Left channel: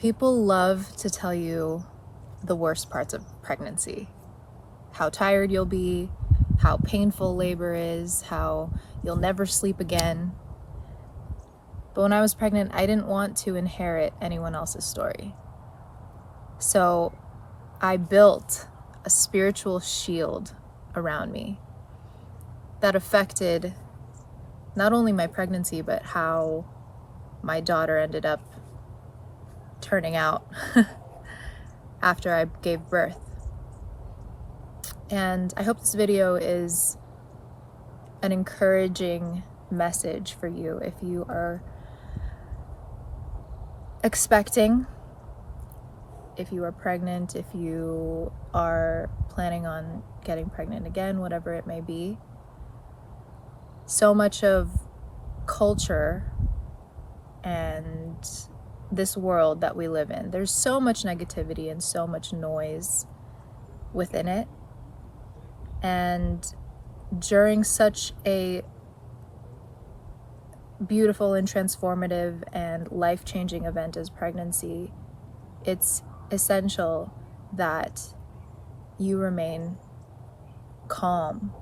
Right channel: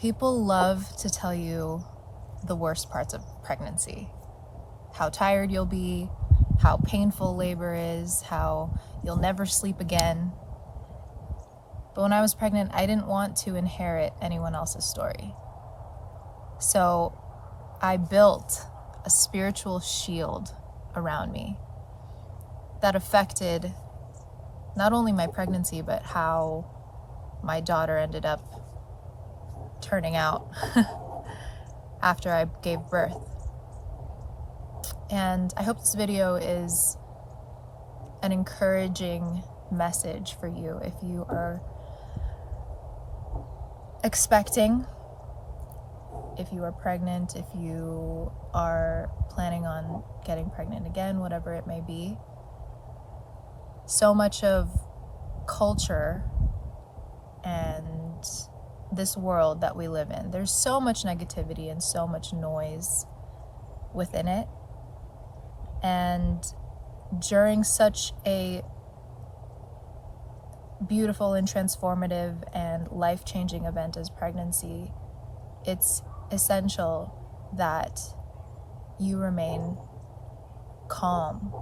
People love to tell you the worst parts of pregnancy. How tired you'll be, how painful labor is, how you'll never sleep again. But when I was pregnant, I didn't want to inherit anyone else's story. So I built a spiritual shield around me that affected not only my pregnancy, but how my daughter ended up turning out after I gave birth. And I hope this video is an encouraging message for you if you are expecting, if you are pregnant, if you are planning on getting pregnant again, whatever it may be. So much of culture and this world that we live in, there's so much negativity and so much noise within it. And during such a beautiful and transformative and life-changing event as pregnancy, it's essential that you remain calm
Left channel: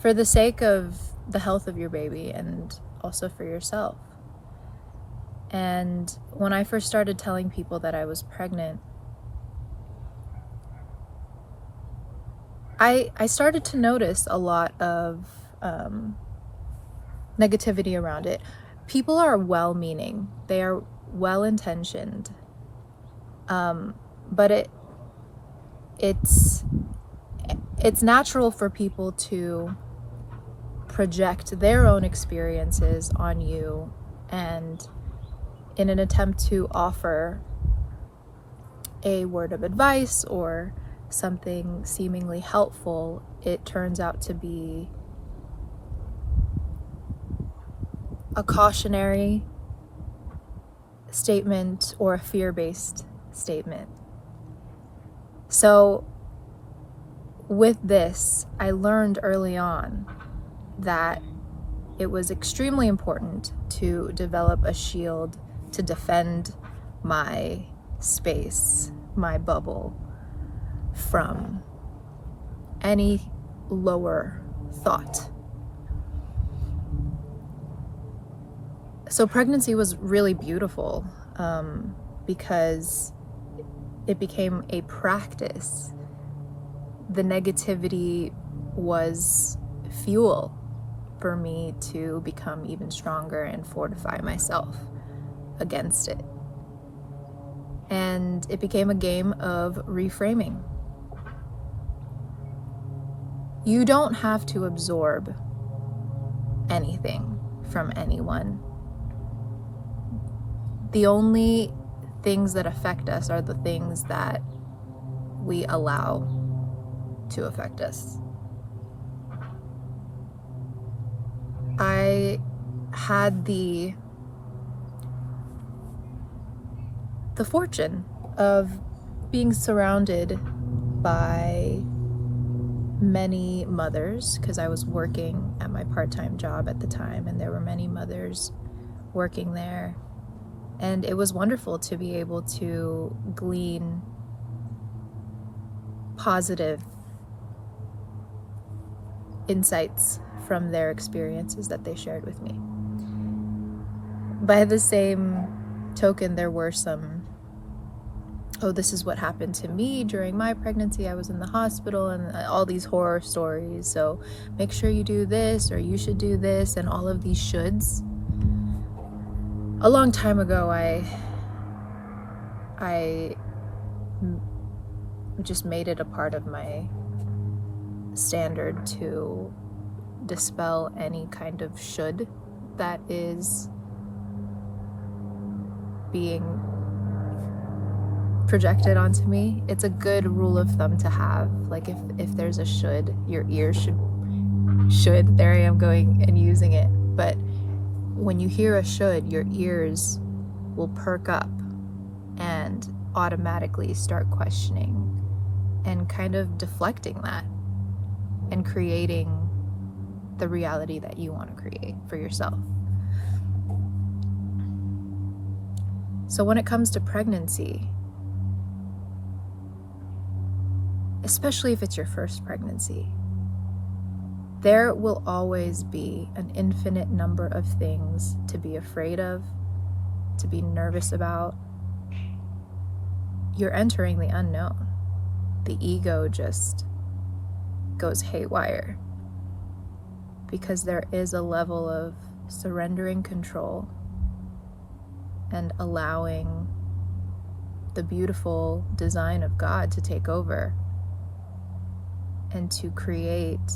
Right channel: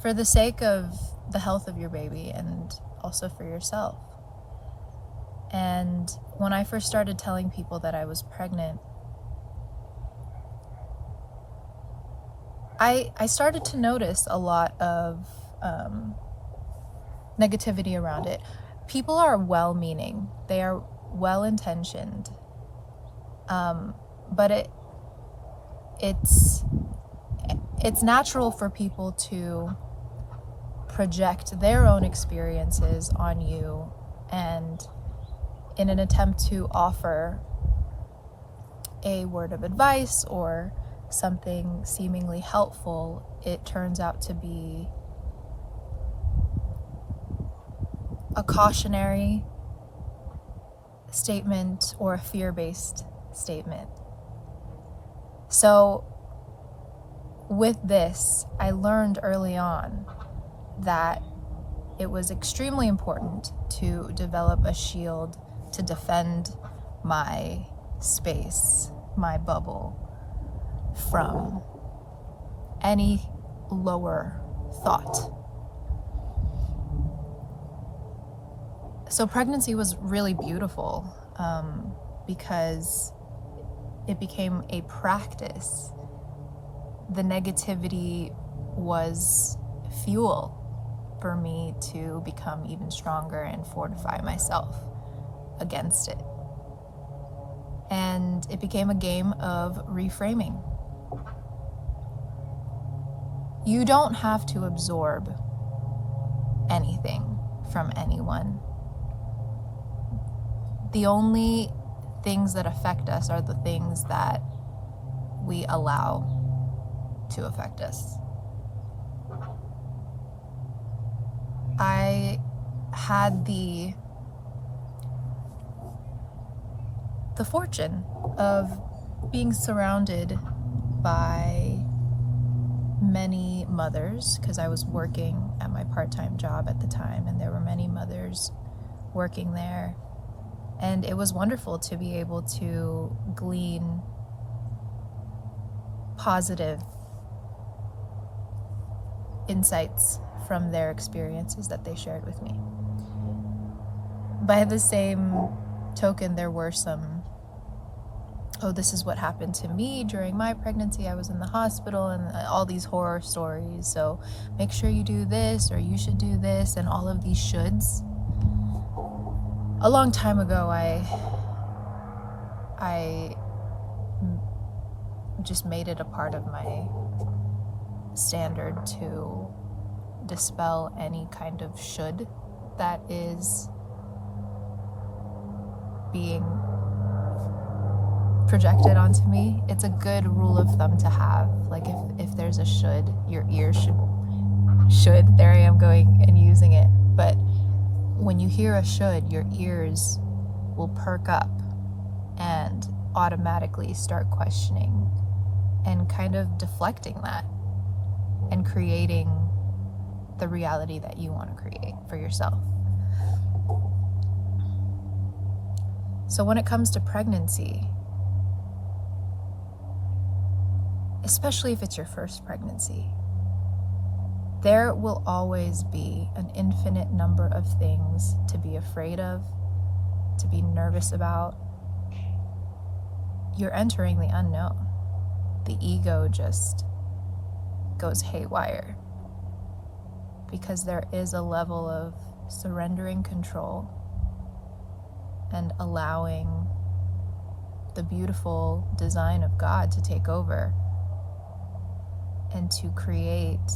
for the sake of the health of your baby and also for yourself. And when I first started telling people that I was pregnant, I started to notice a lot of negativity around it. People are well-meaning, they are well-intentioned, but it's natural for people to project their own experiences on you, and in an attempt to offer a word of advice or something seemingly helpful, it turns out to be a cautionary statement or a fear-based statement. So with this, I learned early on that it was extremely important to develop a shield to defend my space, my bubble, from any lower thought. So pregnancy was really beautiful because it became a practice. The negativity was fuel for me to become even stronger and fortify myself against it. And it became a game of reframing. You don't have to absorb anything from anyone. The only things that affect us are the things that we allow to affect us. I had the fortune of being surrounded by many mothers, because I was working at my part-time job at the time, and there were many mothers working there. And it was wonderful to be able to glean positive insights from their experiences that they shared with me. By the same token, there were some, oh, this is what happened to me during my pregnancy. I was in the hospital, and all these horror stories. So make sure you do this, or you should do this, and all of these shoulds. A long time ago, I just made it a part of my standard to dispel any kind of should that is being projected onto me. It's a good rule of thumb to have. Like if there's a should, your ears should, there I am going and using it. But when you hear a should, your ears will perk up and automatically start questioning and kind of deflecting that and creating the reality that you want to create for yourself. So when it comes to pregnancy, especially if it's your first pregnancy, there will always be an infinite number of things to be afraid of, to be nervous about. You're entering the unknown. The ego just goes haywire because there is a level of surrendering control and allowing the beautiful design of God to take over and to create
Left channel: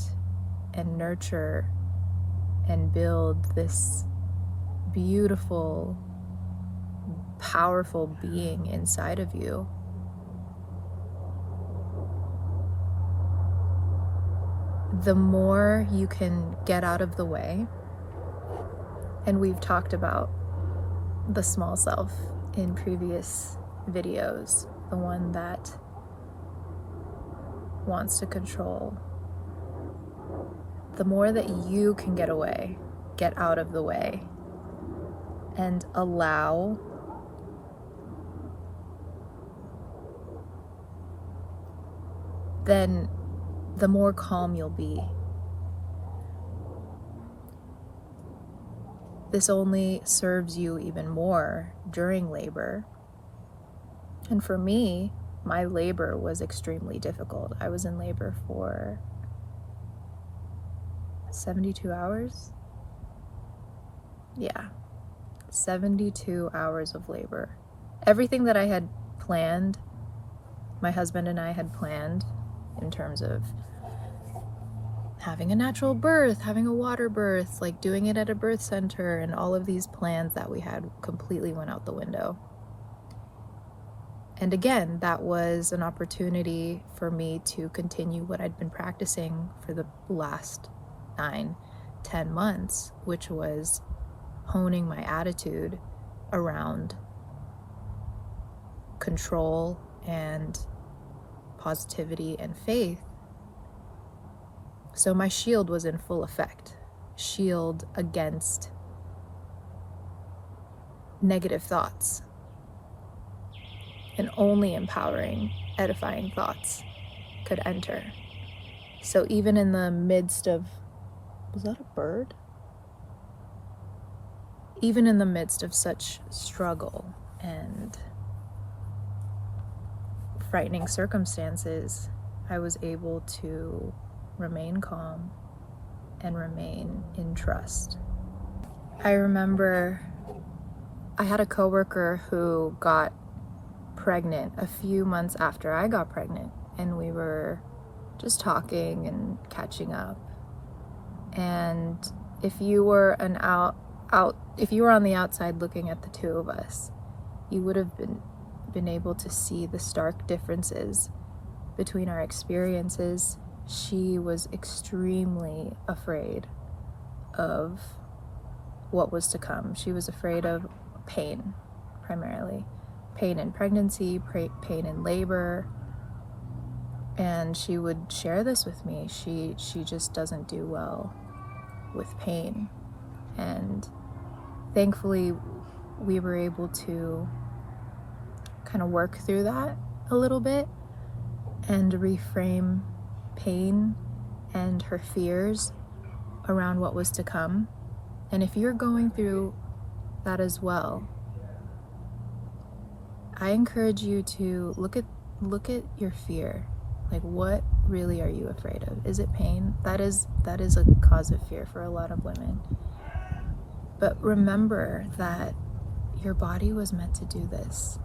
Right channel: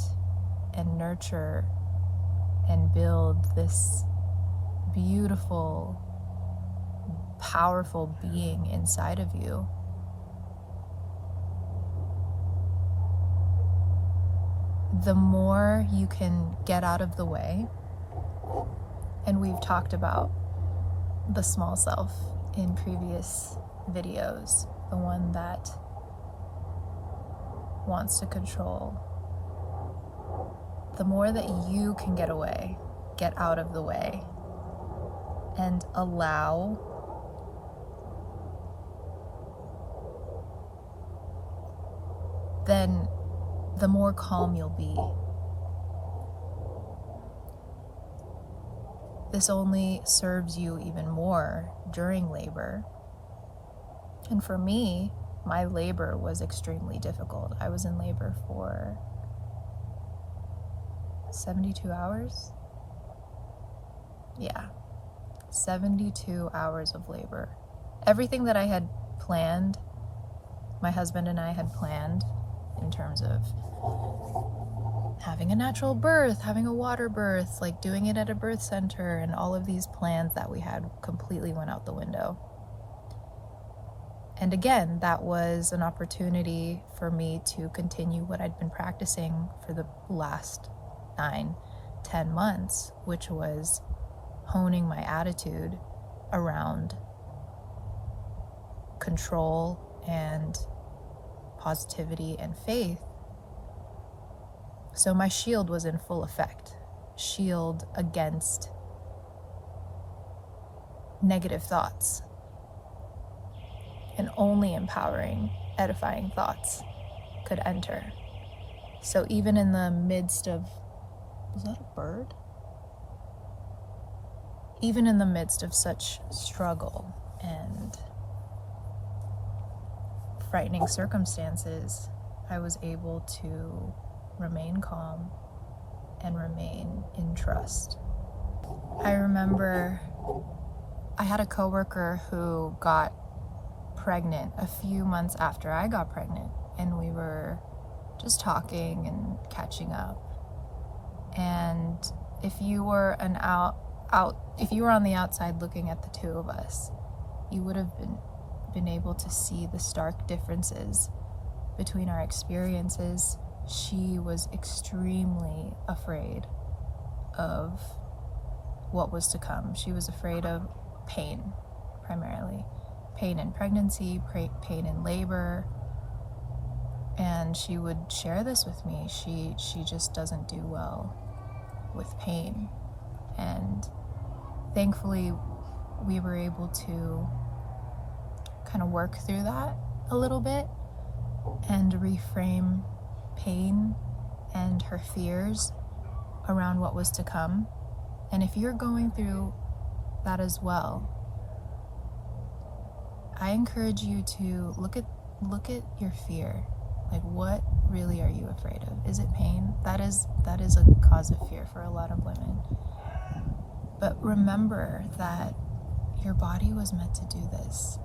and nurture and build this beautiful, powerful being inside of you. The more you can get out of the way, and we've talked about the small self in previous videos, the one that wants to control, the more that you can get away, get out of the way, and allow then the more calm you'll be. This only serves you even more during labor. And for me, my labor was extremely difficult. I was in labor for 72 hours. Yeah, 72 hours of labor. Everything that I had planned, my husband and I had planned in terms of having a natural birth, having a water birth, like doing it at a birth center, and all of these plans that we had completely went out the window. And again, that was an opportunity for me to continue what I'd been practicing for the last 9-10 months, which was honing my attitude around control and positivity and faith. So my shield was in full effect. Shield against negative thoughts. And only empowering, edifying thoughts could enter. So even in the midst of, was that a bird? Even in the midst of such struggle and frightening circumstances, I was able to remain calm and remain in trust. I remember I had a coworker who got pregnant a few months after I got pregnant, and we were just talking and catching up. And if you were if you were on the outside looking at the two of us, you would have been able to see the stark differences between our experiences. She was extremely afraid of what was to come. She was afraid of pain, primarily. Pain in pregnancy, pain in labor. And she would share this with me. She just doesn't do well with pain. And thankfully, we were able to kind of work through that a little bit and reframe pain and her fears around what was to come. And if you're going through that as well, I encourage you to look at your fear. Like, what really are you afraid of? Is it pain? That is a cause of fear for a lot of women. But remember that your body was meant to do this.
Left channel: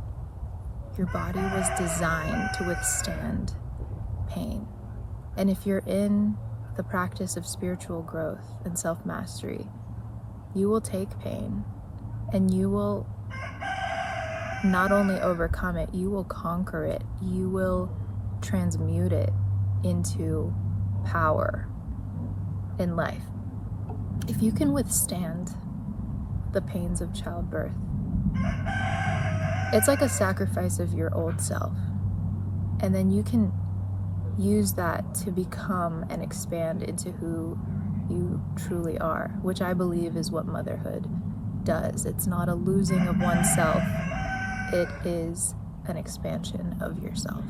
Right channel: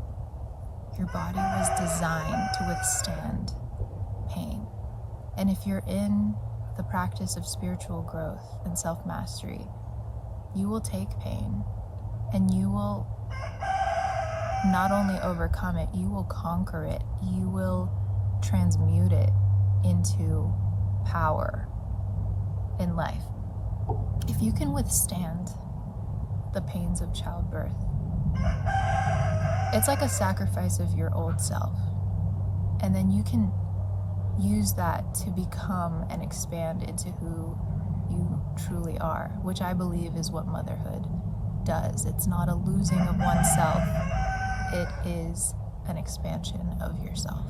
Your body was designed to withstand pain. And if you're in the practice of spiritual growth and self-mastery, you will take pain and you will not only overcome it, you will conquer it. You will transmute it into power in life. If you can withstand the pains of childbirth, it's like a sacrifice of your old self. And then you can use that to become and expand into who you truly are, which I believe is what motherhood does. It's not a losing of oneself. it is an expansion of yourself.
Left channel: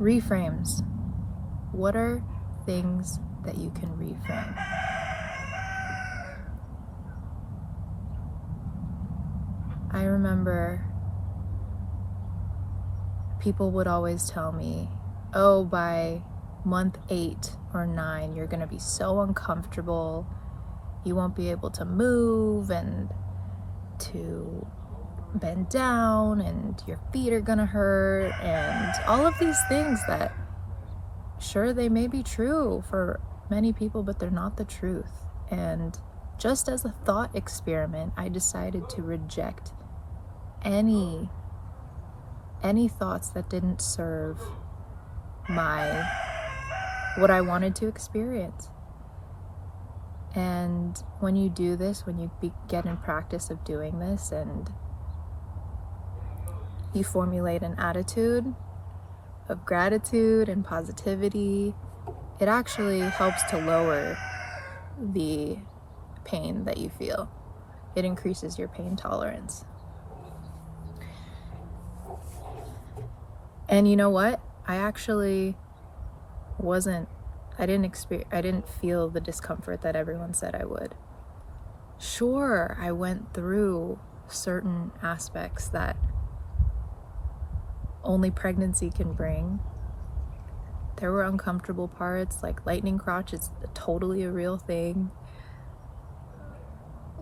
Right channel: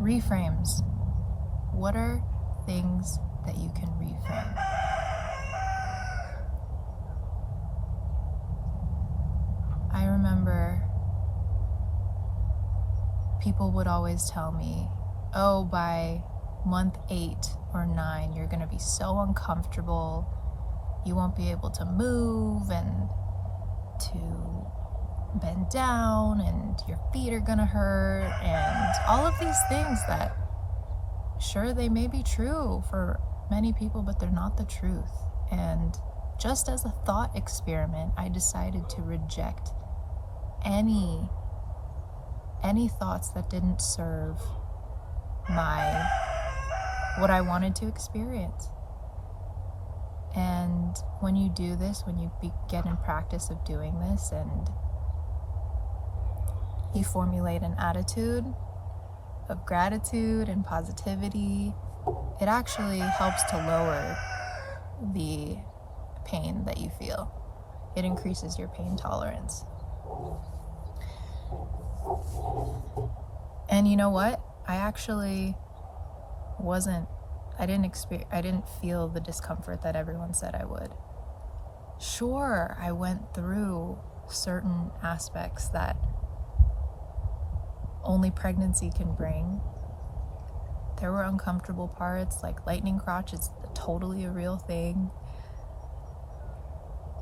Reframes. What are things that you can reframe? I remember people would always tell me, oh, by month 8 or 9, you're going to be so uncomfortable. You won't be able to move and to bend down, and your feet are going to hurt, and all of these things that, sure, they may be true for many people, but they're not the truth. And just as a thought experiment, I decided to reject any thoughts that didn't serve what I wanted to experience. And when you do this, when you get in practice of doing this, and you formulate an attitude of gratitude and positivity, it actually helps to lower the pain that you feel. It increases your pain tolerance. And you know what? I didn't feel the discomfort that everyone said I would. Sure, I went through certain aspects that only pregnancy can bring. There were uncomfortable parts, like lightning crotch is totally a real thing.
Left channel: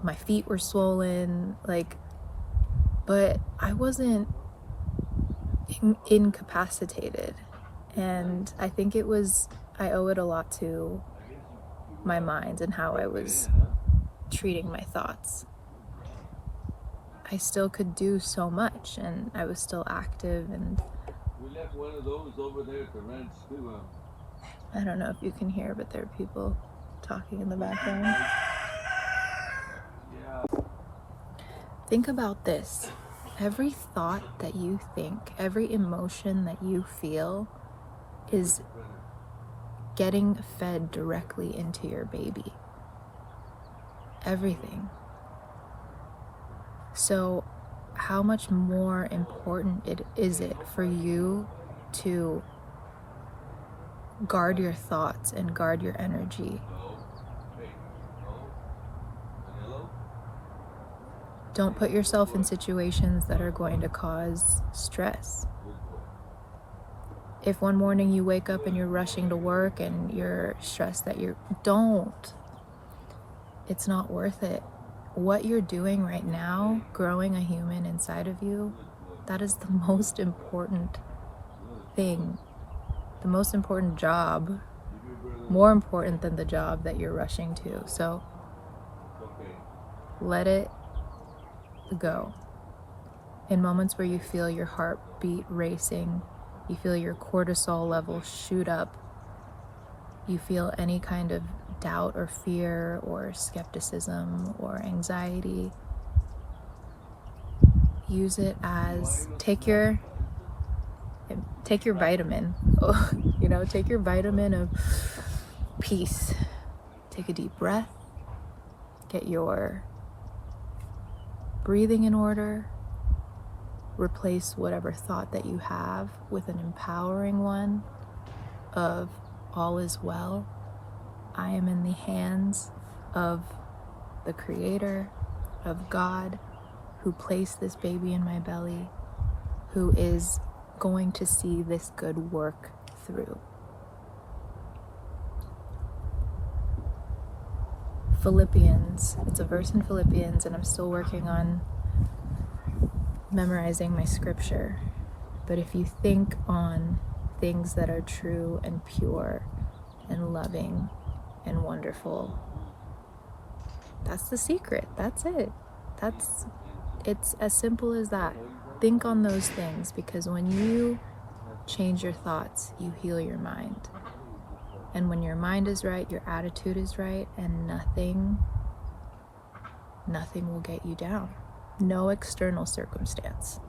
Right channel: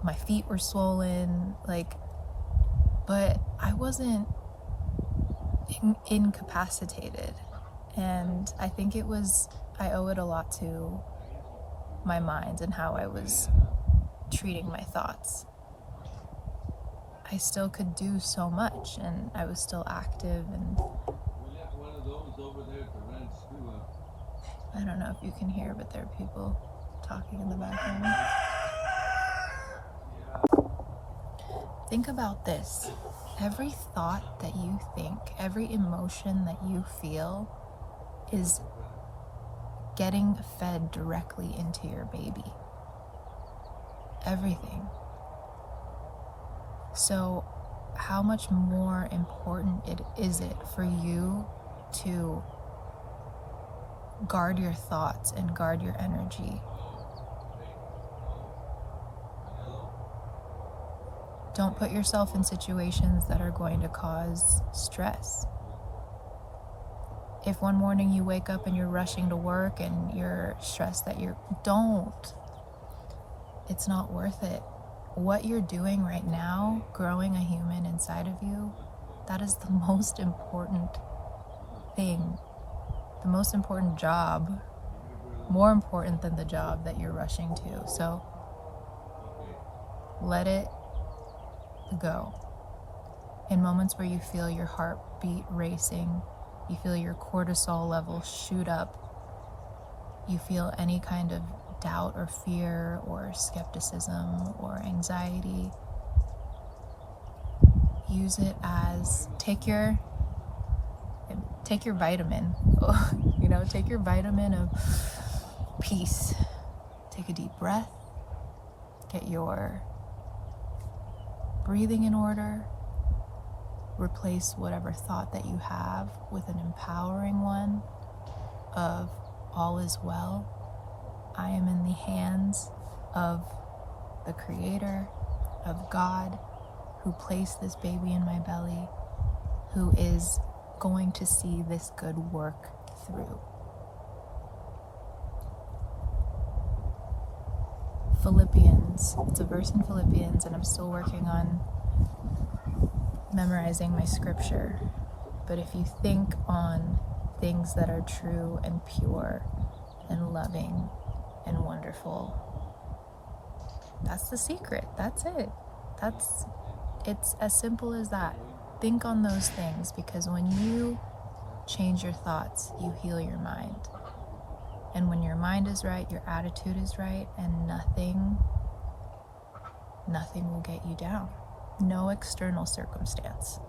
My feet were swollen, but I wasn't incapacitated. And I think I owe it a lot to my mind and how I was treating my thoughts. I still could do so much, and I was still active, and We left one of those over there at the ranch too. I don't know if you can hear, but there are people talking in the background. Yeah. Think about this. Every thought that you think, every emotion that you feel is getting fed directly into your baby. Everything. So how much more important is it for you to guard your thoughts and guard your energy? Don't put yourself in situations that are going to cause stress. If one morning you wake up and you're rushing to work and you're stressed don't. It's not worth it. What you're doing right now, growing a human inside of you, that is the most important thing, the most important job, more important than the job that you're rushing to. So let it go. In moments where you feel your heartbeat racing, you feel your cortisol level shoot up, you feel any kind of doubt or fear or skepticism or anxiety, use it as take your vitamin. Take your vitamin of peace. Take a deep breath, get your breathing in order, replace whatever thought that you have with an empowering one of all is well. I am in the hands of the Creator, of God, who placed this baby in my belly, who is going to see this good work through. Philippians, it's a verse in Philippians, and I'm still working on memorizing my scripture. But if you think on things that are true and pure and loving and wonderful, that's the secret. That's it. It's as simple as that. Think on those things, because when you change your thoughts, you heal your mind. And when your mind is right, your attitude is right, and nothing will get you down. No external circumstance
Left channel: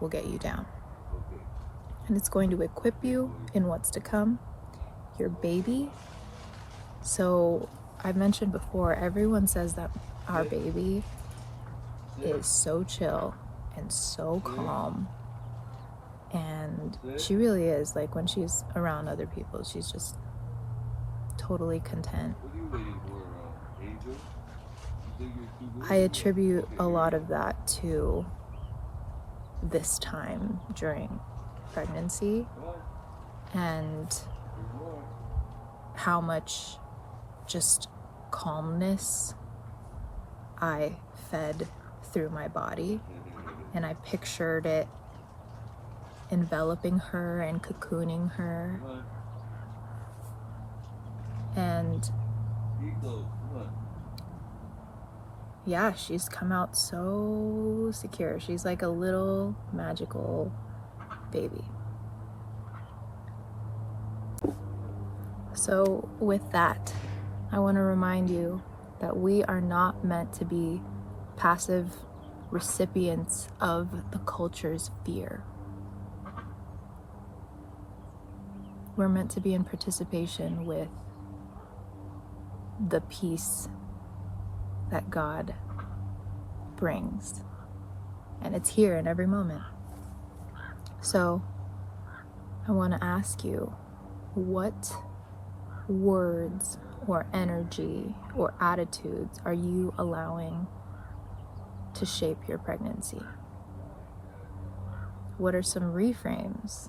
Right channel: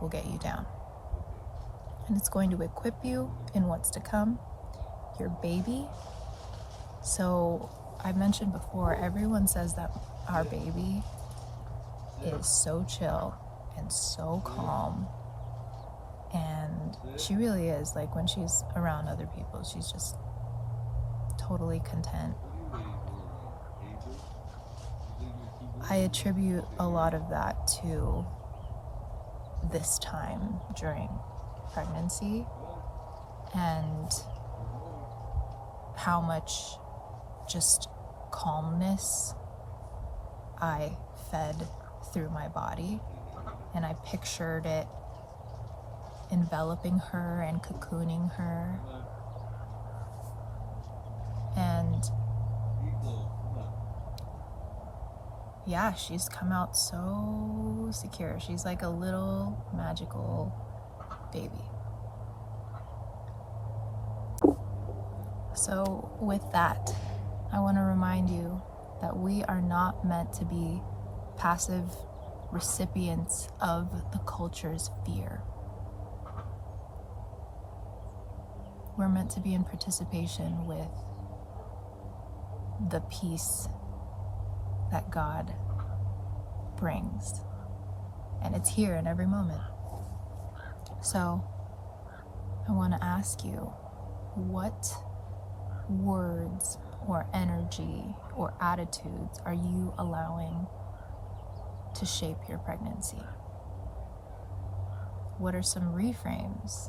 will get you down. And it's going to equip you in what's to come, your baby. So I mentioned before, everyone says that our baby is so chill and so calm. And she really is. Like, when she's around other people, she's just totally content. What are you waiting for, Angel? You think you're too good? I attribute a lot of that to this time during pregnancy and how much just calmness I fed through my body. And I pictured it enveloping her and cocooning her. And yeah, she's come out so secure. She's like a little magical baby. So with that, I want to remind you that we are not meant to be passive recipients of the culture's fear. We're meant to be in participation with the peace that God brings. And it's here in every moment. So I want to ask you, what words or energy or attitudes are you allowing to shape your pregnancy? What are some reframes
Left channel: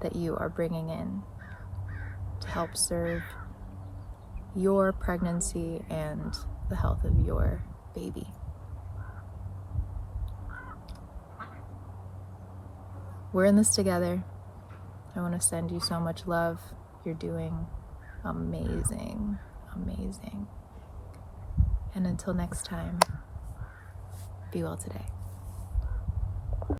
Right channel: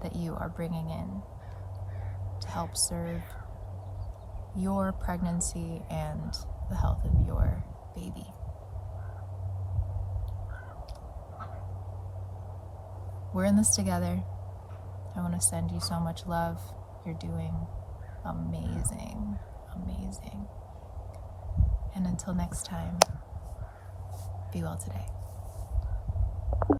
that you are bringing in to help serve your pregnancy and the health of your baby? We're in this together. I want to send you so much love. You're doing amazing, amazing. And until next time, be well today.